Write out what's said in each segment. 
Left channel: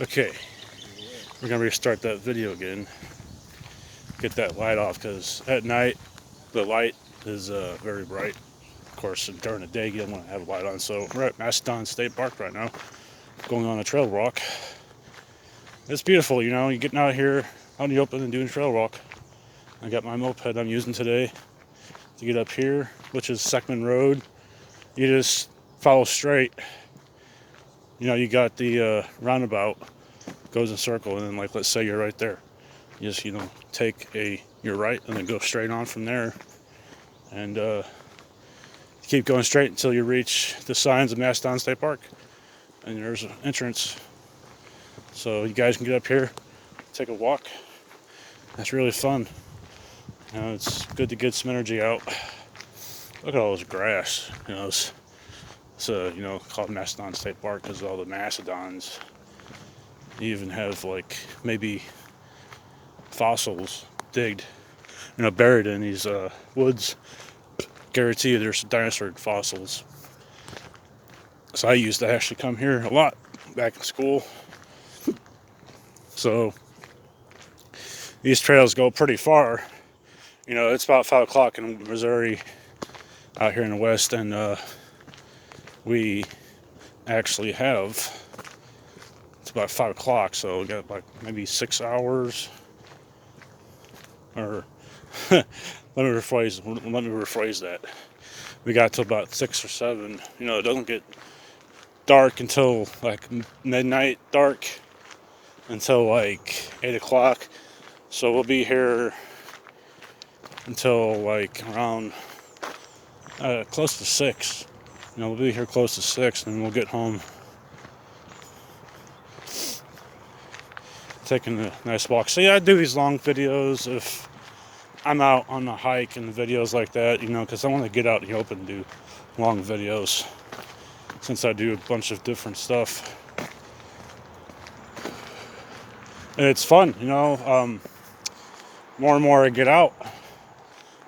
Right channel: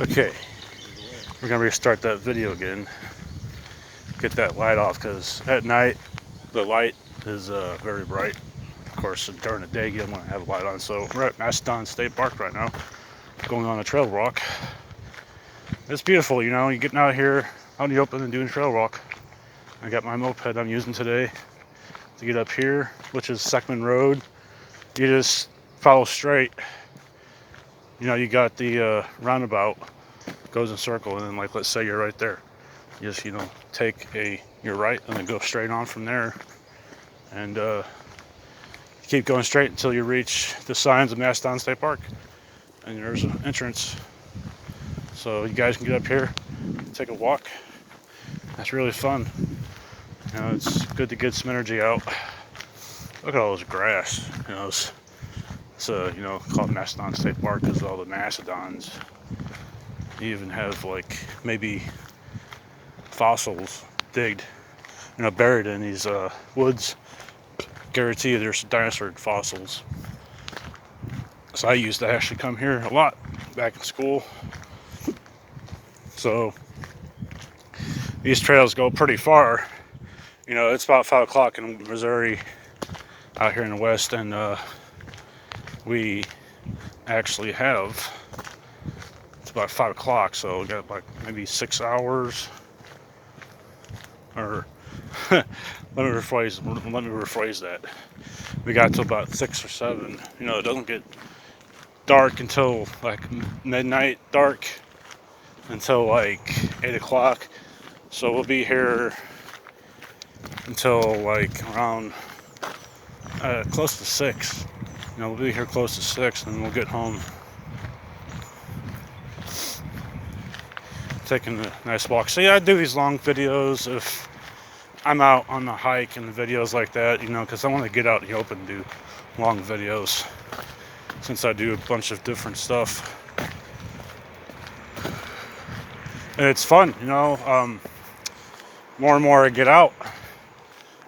Okay, we're gonna restart that video again. Get that light off because at night the light is very bright. Of course, during the day you don't want to have a light on. So we're at Mastodon State Park right now, going on a trail walk. It's beautiful, you know. You're getting out here out in the open and doing a trail walk. I got my moped I'm using today to get up here, which is Seckman Road. You just follow straight. You know, you got the roundabout, goes in a circle, and then like let's say you're right there. You just take your right and then go straight on from there, and keep going straight until you reach the signs of Mastodon State Park, and there's an entrance. So you guys can get up here, take a walk. That's really fun. You know, it's good to get some energy out. Look at all this grass. You know, it's called Mastodon State Park because all the mastodons. You even have like maybe fossils digged, buried in these woods. Guarantee you there's dinosaur fossils. So I used to actually come here a lot back in school. So these trails go pretty far. You know, it's about 5 o'clock in Missouri out here in the west, and we actually have, it's about 5 o'clock, so we got like maybe 6 hours, or let me rephrase that. We got to about 6 or 7. You know, it doesn't get dark until like midnight dark, until like 8 o'clock. So we'll be here until like around close to 6. You know, we'll be here close to 6, and we'll get home. Taking a nice walk. See, I do these long videos if I'm out on the hike and videos like that, because I want to get out in the open and do long videos, since I do a bunch of different stuff. And it's fun, more and more I get out,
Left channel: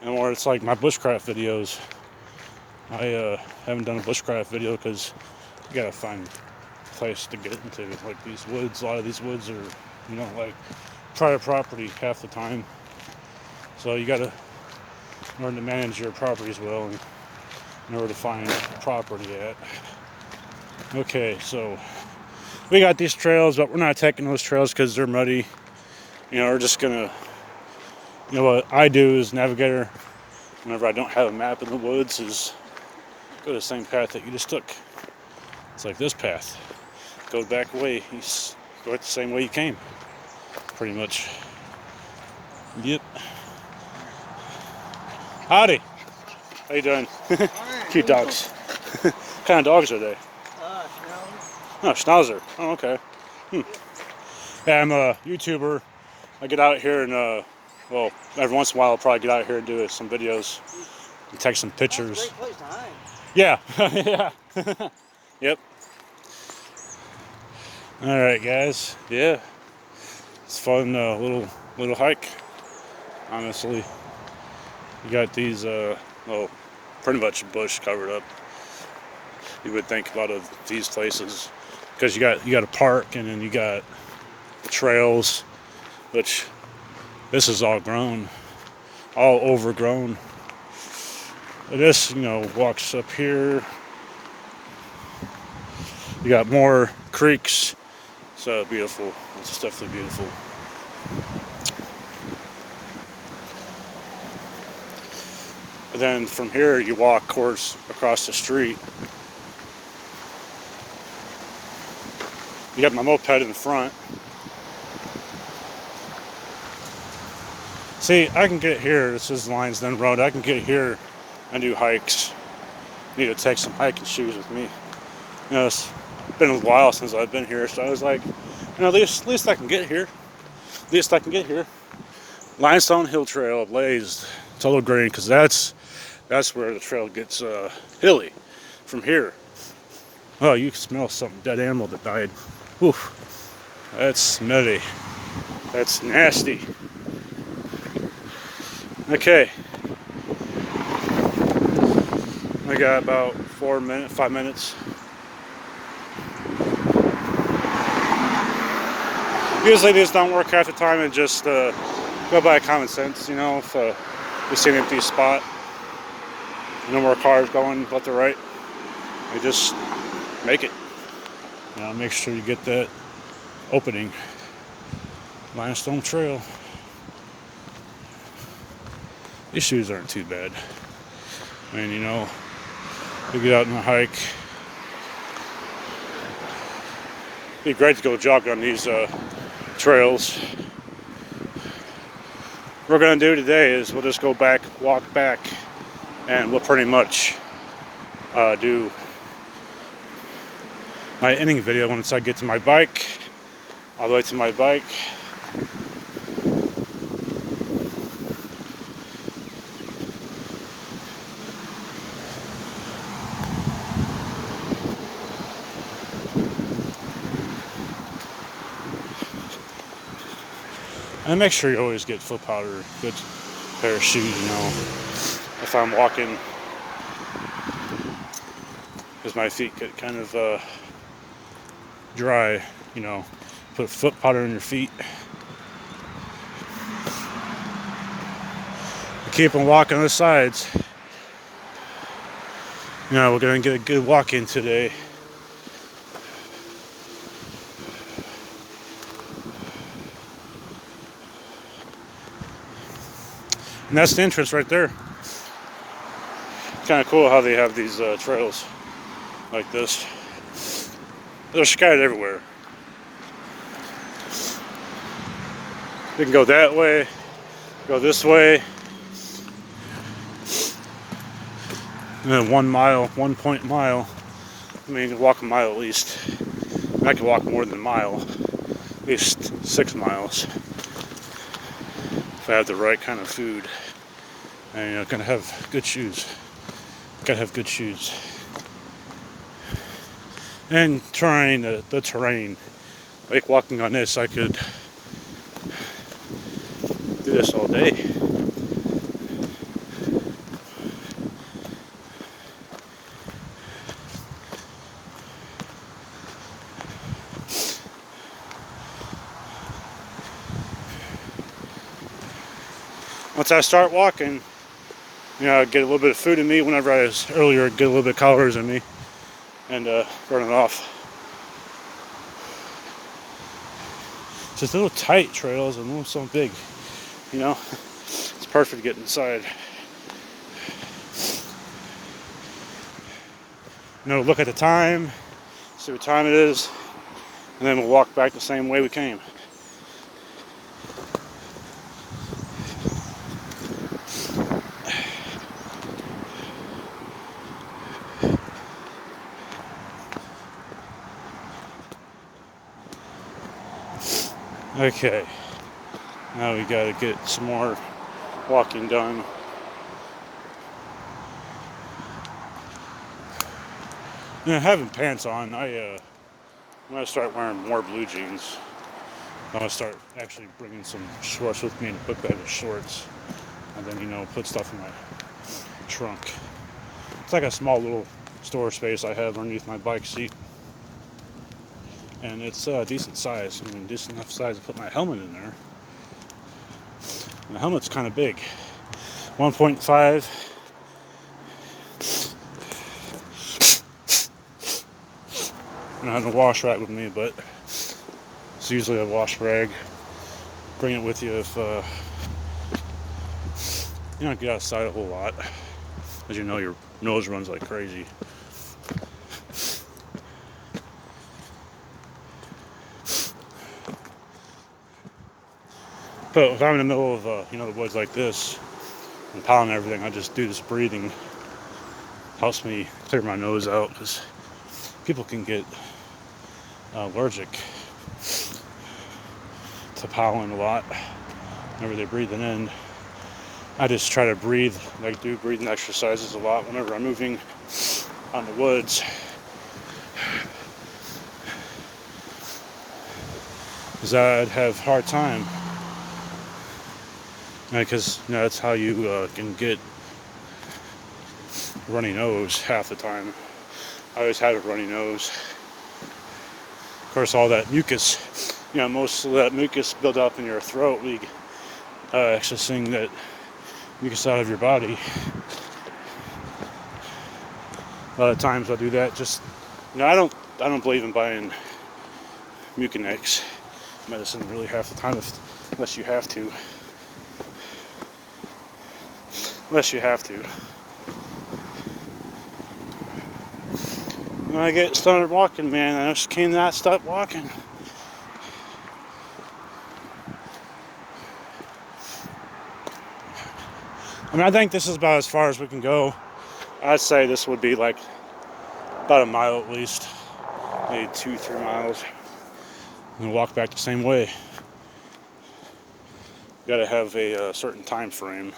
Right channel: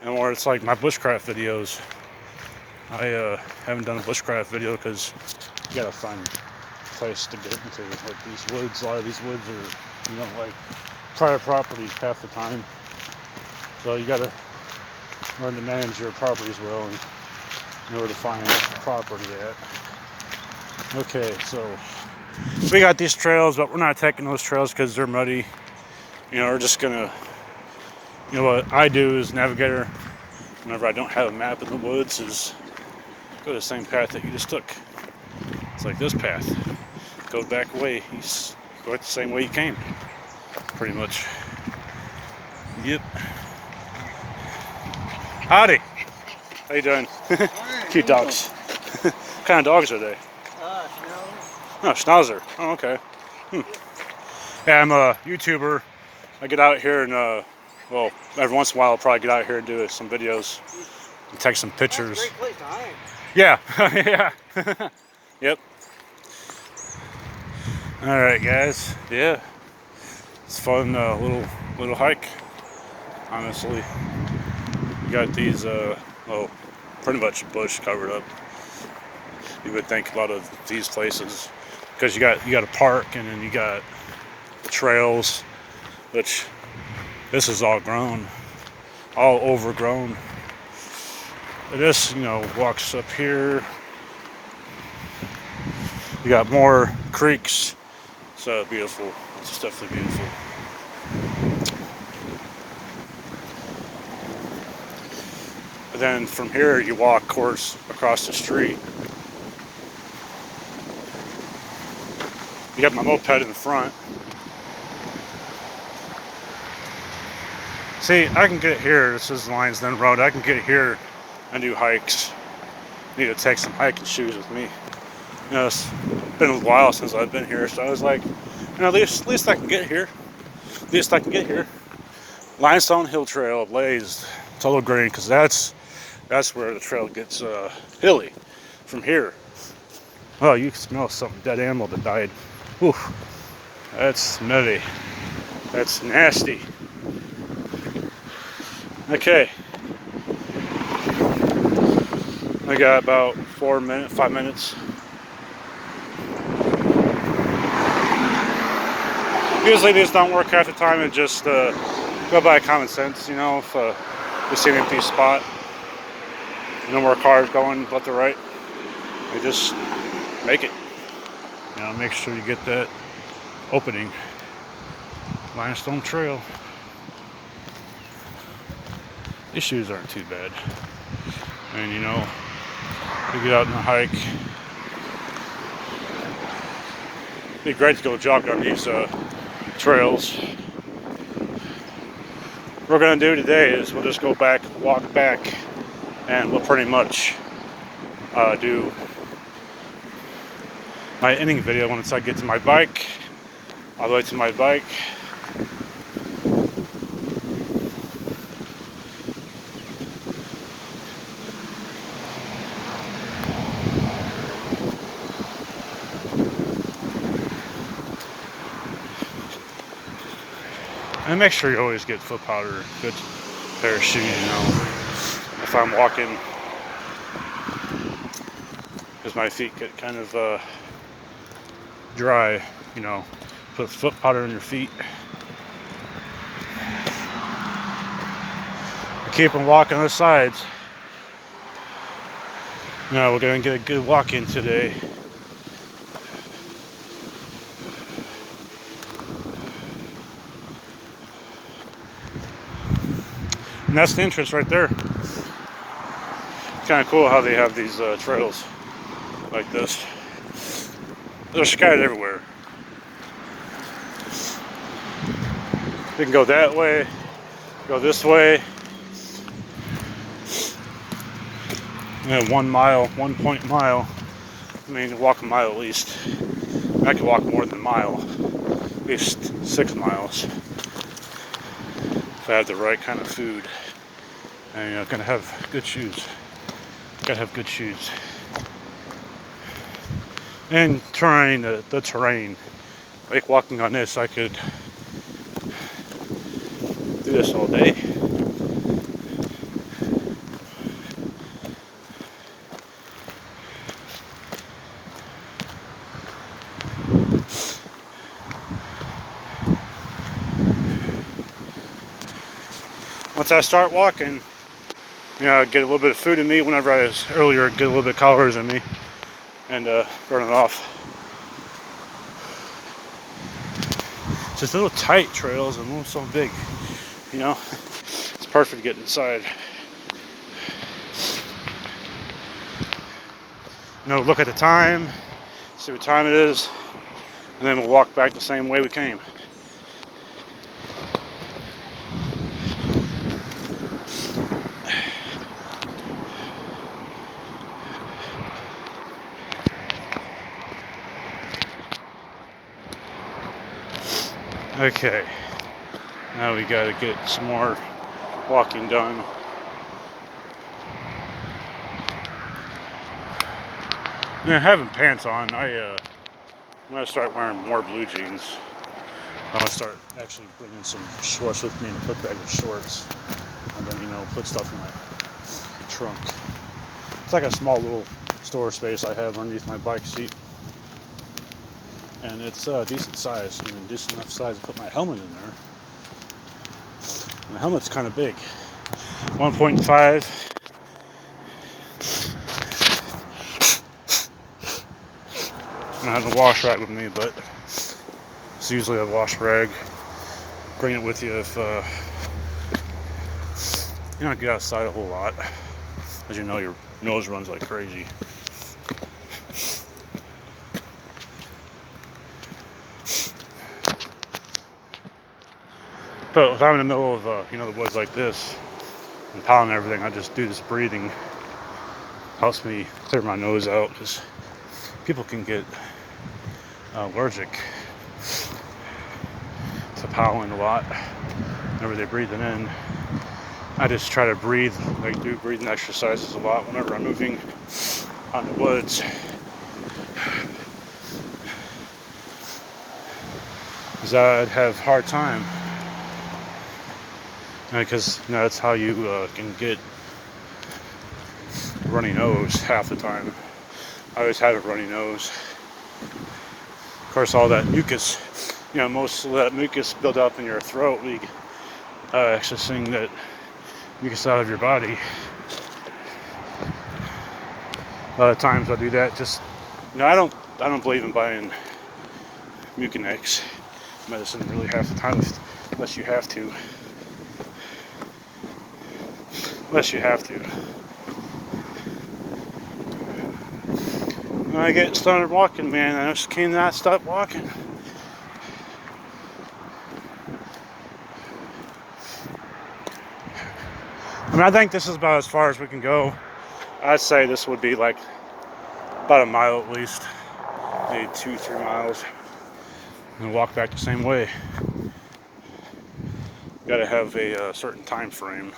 and more it's like my bushcraft videos. I haven't done a bushcraft video because you gotta find a place to get into. Like these woods, a lot of these woods are, like private property half the time. So you gotta learn to manage your properties well and know where to find property at. Okay, so we got these trails, but we're not taking those trails because they're muddy. We're just gonna, what I do as navigator, whenever I don't have a map in the woods, is go the same path that you just took. It's like this path. Go back away. You go the same way you came, pretty much. Yep. Howdy. How you doing? Cute dogs. What kind of dogs are they? Oh, Schnauzer. Oh, okay. Yeah, I'm a YouTuber. I get out here and, every once in a while I'll probably get out here and do some videos and take some pictures. That's a great place to hide. Yeah. Yeah. Yep. All right, guys. Yeah. It's fun, little hike. Honestly, you got these, pretty much bush covered up. You would think a lot of these places, because you got a park, and then you got the trails, which this is all grown, all overgrown. This, walks up here. You got more creeks. So beautiful. It's definitely beautiful. And then from here, you walk, of course, across the street. You got my moped in front. See, I can get here. This is Lionsden Road. I can get here and do hikes. Need to take some hiking shoes with me. It's been a while since I've been here, so I was like, at least I can get here. At least I can get here. Limestone Hill Trail, blazed, total green, because that's where the trail gets hilly. From here, oh, you can smell some dead animal that died. Whew, that's smelly. That's nasty. Okay, I got about 5 minutes. Usually these don't work half the time, and just go by common sense, you know. If you see an empty spot, no more cars going left to right, you just make it. Now make sure you get that opening. Limestone trail. These shoes aren't too bad. And you know, we get out on a hike. It'd be great to go jog on these trails. What we're gonna do today is we'll just go back, walk back, and we'll pretty much do my ending video once I get to my bike, all the way to my bike. And make sure you always get foot powder, good pair of shoes, you know, if I'm walking, because my feet get kind of dry, you know, put foot powder in your feet. Keep them walking on the sides. You know, we're going to get a good walk in today. And that's the entrance right there. Kind of cool how they have these trails like this. They're scattered everywhere. You can go that way, go this way, and then 1 mile, 1 mile. I mean, you can walk a mile at least. I could walk more than a mile, at least 6 miles. If I have the right kind of food, and you know, gonna have good shoes. Gotta have good shoes. And trying the terrain, like walking on this, I could do this all day. Once I start walking, you know, I get a little bit of food in me. Whenever I was earlier, get a little bit of calories in me, and burn it off. Just little tight trails and not so big, you know. It's perfect to get inside. You know, look at the time, see what time it is, and then we'll walk back the same way we came. Okay, now we gotta get some more walking done. Now, having pants on, I'm gonna start wearing more blue jeans. I'm gonna start actually bringing some shorts with me in a quick bag of shorts, and then, you know, put stuff in my trunk. It's like a small little storage space I have underneath my bike seat. And it's a decent size. I mean, decent enough size to put my helmet in there. And the helmet's kind of big. 1.5. I have a wash rag with me, but it's usually a wash rag. Bring it with you if you don't get outside a whole lot. As you know, your nose runs like crazy. But if I'm in the middle of, you know, the woods like this, and pollen and everything, I just do this breathing. Helps me clear my nose out, because people can get allergic to pollen a lot whenever they're breathing in. I just try to breathe, like do breathing exercises a lot whenever I'm moving out in the woods. Because I'd have a hard time. Because you know, that's how you can get a runny nose half the time. I always had a runny nose. Of course, all that mucus most of that mucus build up in your throat, we accessing that mucus out of your body. A lot of times I do that. Just I don't believe in buying Mucinex medicine really half the time, unless you have to. When I get started walking, man, I just cannot stop walking. I think this is about as far as we can go. I'd say this would be like about a mile at least, maybe 2-3 miles, and walk back the same way. Got to have a certain time frame.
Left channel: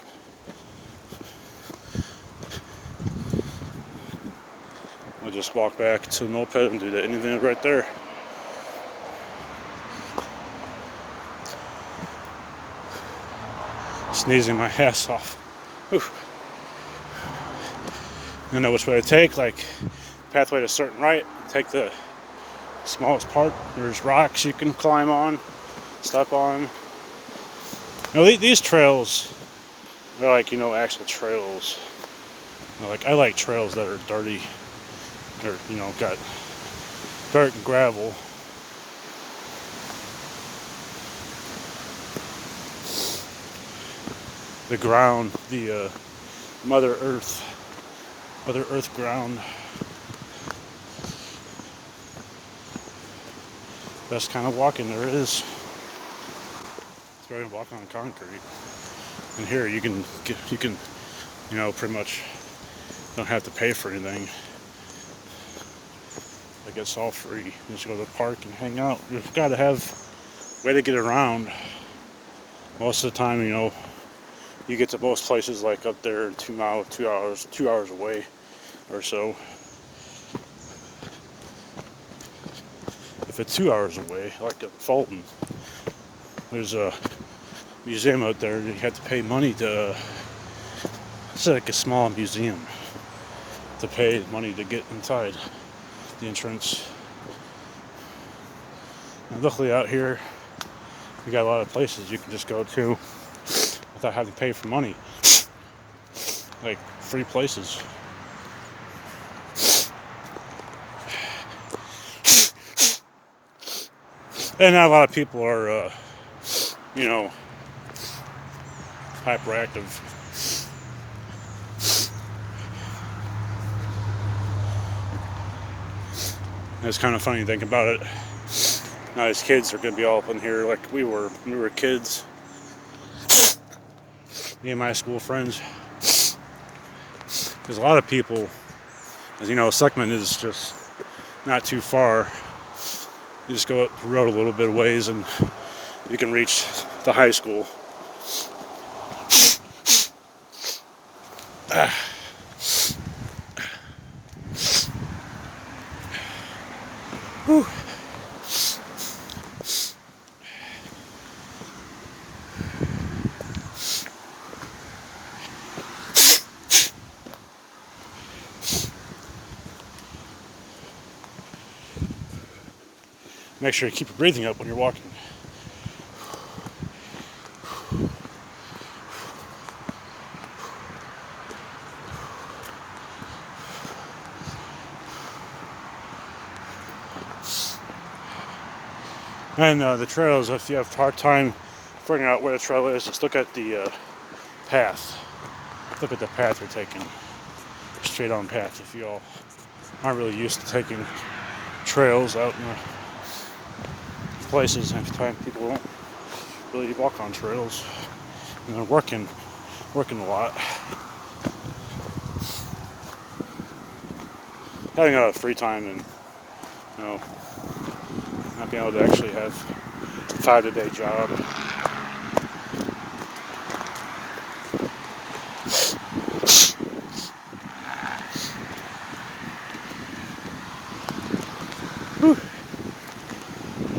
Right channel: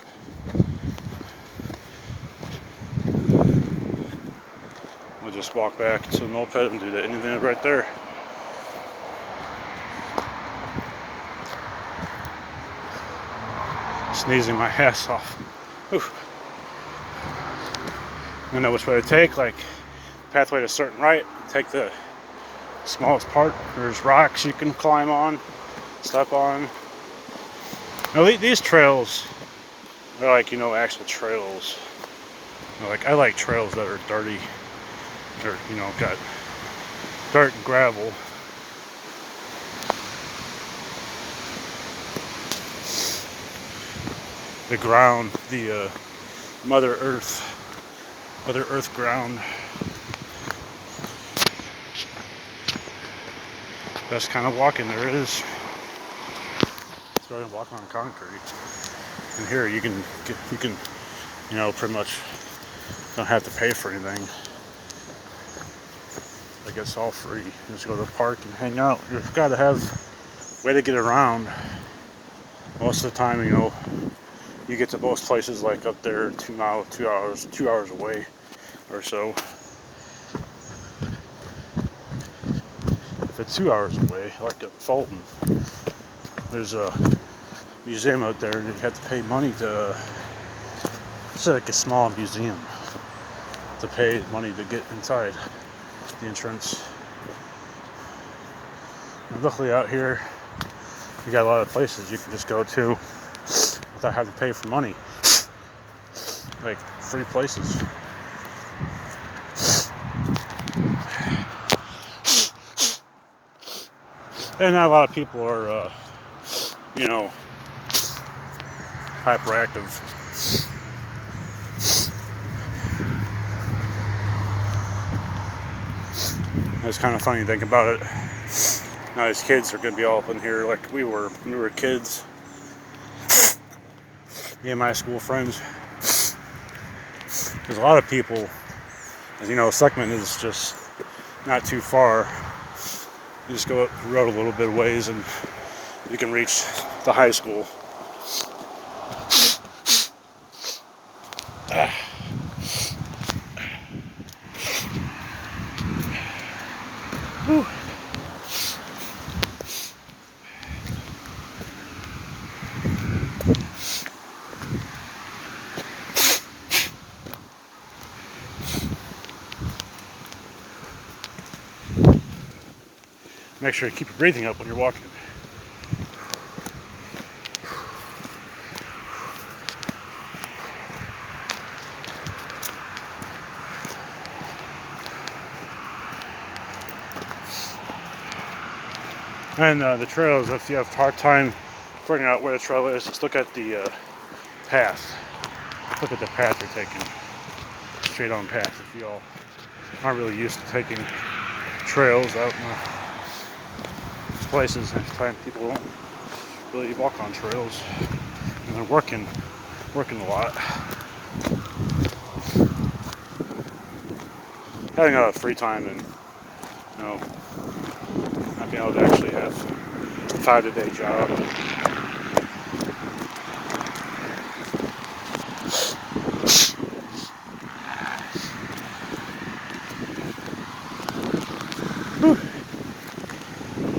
I'll just walk back to the moped and do that anything right there. Sneezing my ass off. Whew. I know which way to take, like pathway to a certain right, take the smallest part. There's rocks you can climb on, step on. Now, these trails are like, actual trails. I like trails that are dirty, or, got dirt and gravel. The ground, the Mother Earth ground. Best kind of walking there is. Go and walk on concrete. And here you can pretty much don't have to pay for anything. Like, it's all free. You just go to the park and hang out. You've got to have a way to get around. Most of the time, you get to most places like up there 2 hours away or so. If it's 2 hours away, like at Fulton, there's a museum out there, and you have to pay money to. It's like a small museum, to pay money to get inside the entrance. And luckily out here, you got a lot of places you can just go to without having to pay for money, like free places. And not a lot of people are, hyperactive. It's kind of funny to think about it. Now these kids are going to be all up in here like we were when we were kids. Me and my school friends. There's a lot of people, as Suckman is just not too far. You just go up the road a little bit of ways and you can reach the high school. Whew. Make sure you keep your breathing up when you're walking. And the trails, if you have a hard time figuring out where the trail is, just look at the path. Look at the path you're taking. Straight on path. If you all aren't really used to taking trails out in the places, and people don't really walk on trails. And they're working a lot. Having a free time and not being able to actually have a 5-day job. Whew.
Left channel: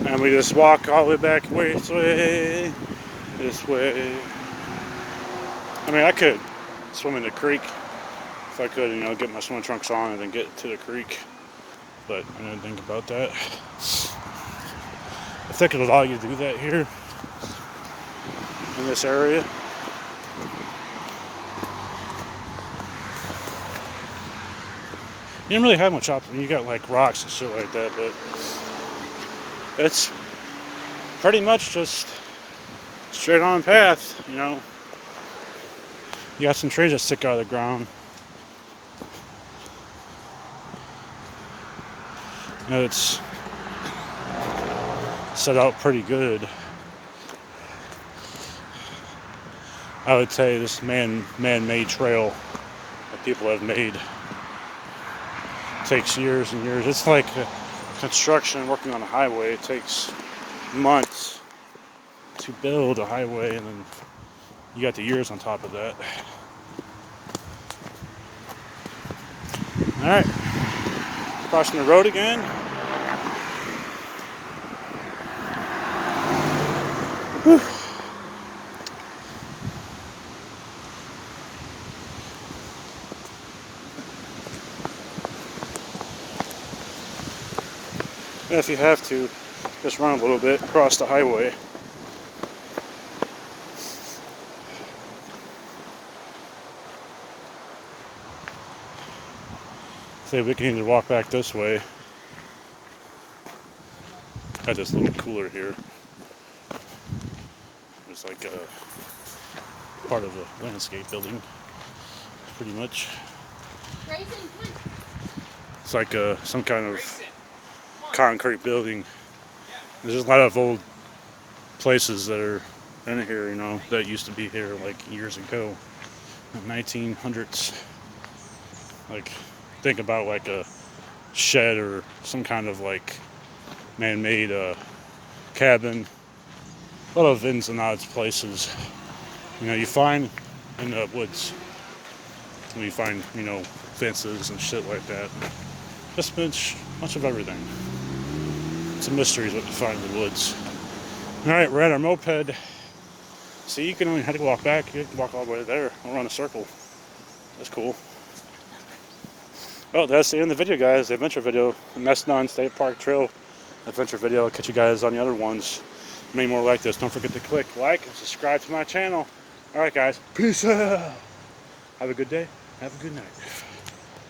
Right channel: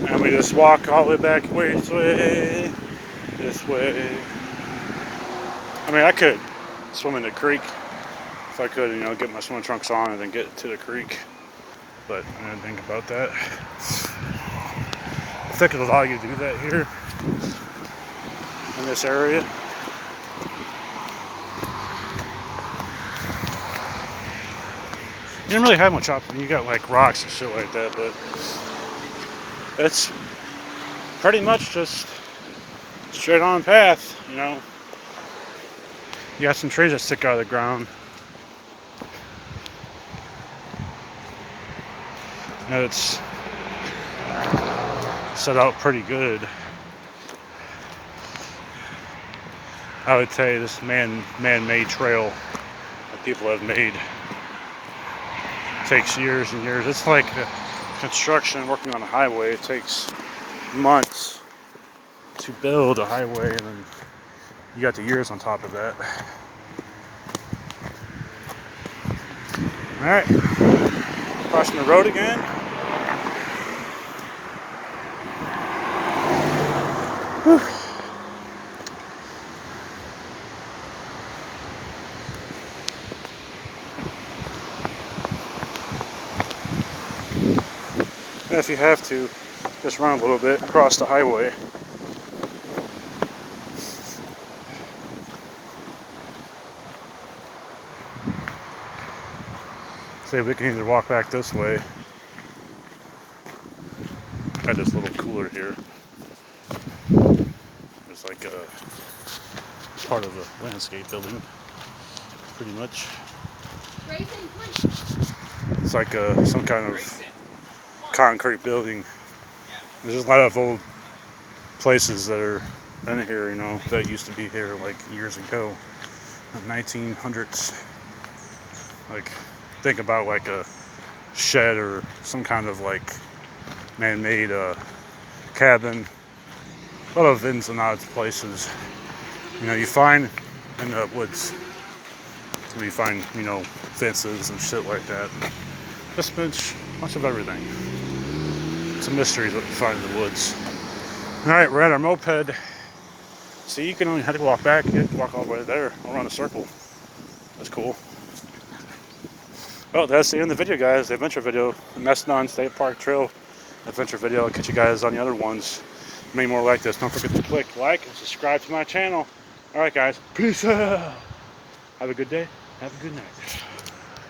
And we just walk all the way back this way. I mean, I could swim in the creek if I could, get my swimming trunks on and then get to the creek. But I didn't think about that. think it'll allow you to do that here in this area. You didn't really have much option. You got like rocks and shit like that, but it's pretty much just straight on path, you know. You got some trees that stick out of the ground. And it's set out pretty good. I would say this man-made trail that people have made takes years and years. It's like construction working on a highway. It takes months to build a highway, and then you got the years on top of that. All right, crossing the road again. Whew. And if you have to, just run a little bit across the highway. See, we can either walk back this way. Got this little cooler here. It's like a part of a landscape building, pretty much. It's like some kind of concrete building. There's a lot of old places that are in here, you know, that used to be here like years ago, like 1900s. Like, think about like a shed or some kind of like man-made cabin. A lot of ins and outs places, you know, you find in the woods, where you find, you know, fences and shit like that. Just bunch of everything. It's a mystery what you find in the woods. Alright, we're at our moped. See, you can only have to walk back. You have to walk all the way there, around a circle. That's cool. Well, that's the end of the video, guys. The adventure video, the Mastodon State Park Trail adventure video. I'll catch you guys on the other ones. Many more like this. Don't forget to click like and subscribe to my channel. Alright, guys. Peace out. Have a good day. Have a good night.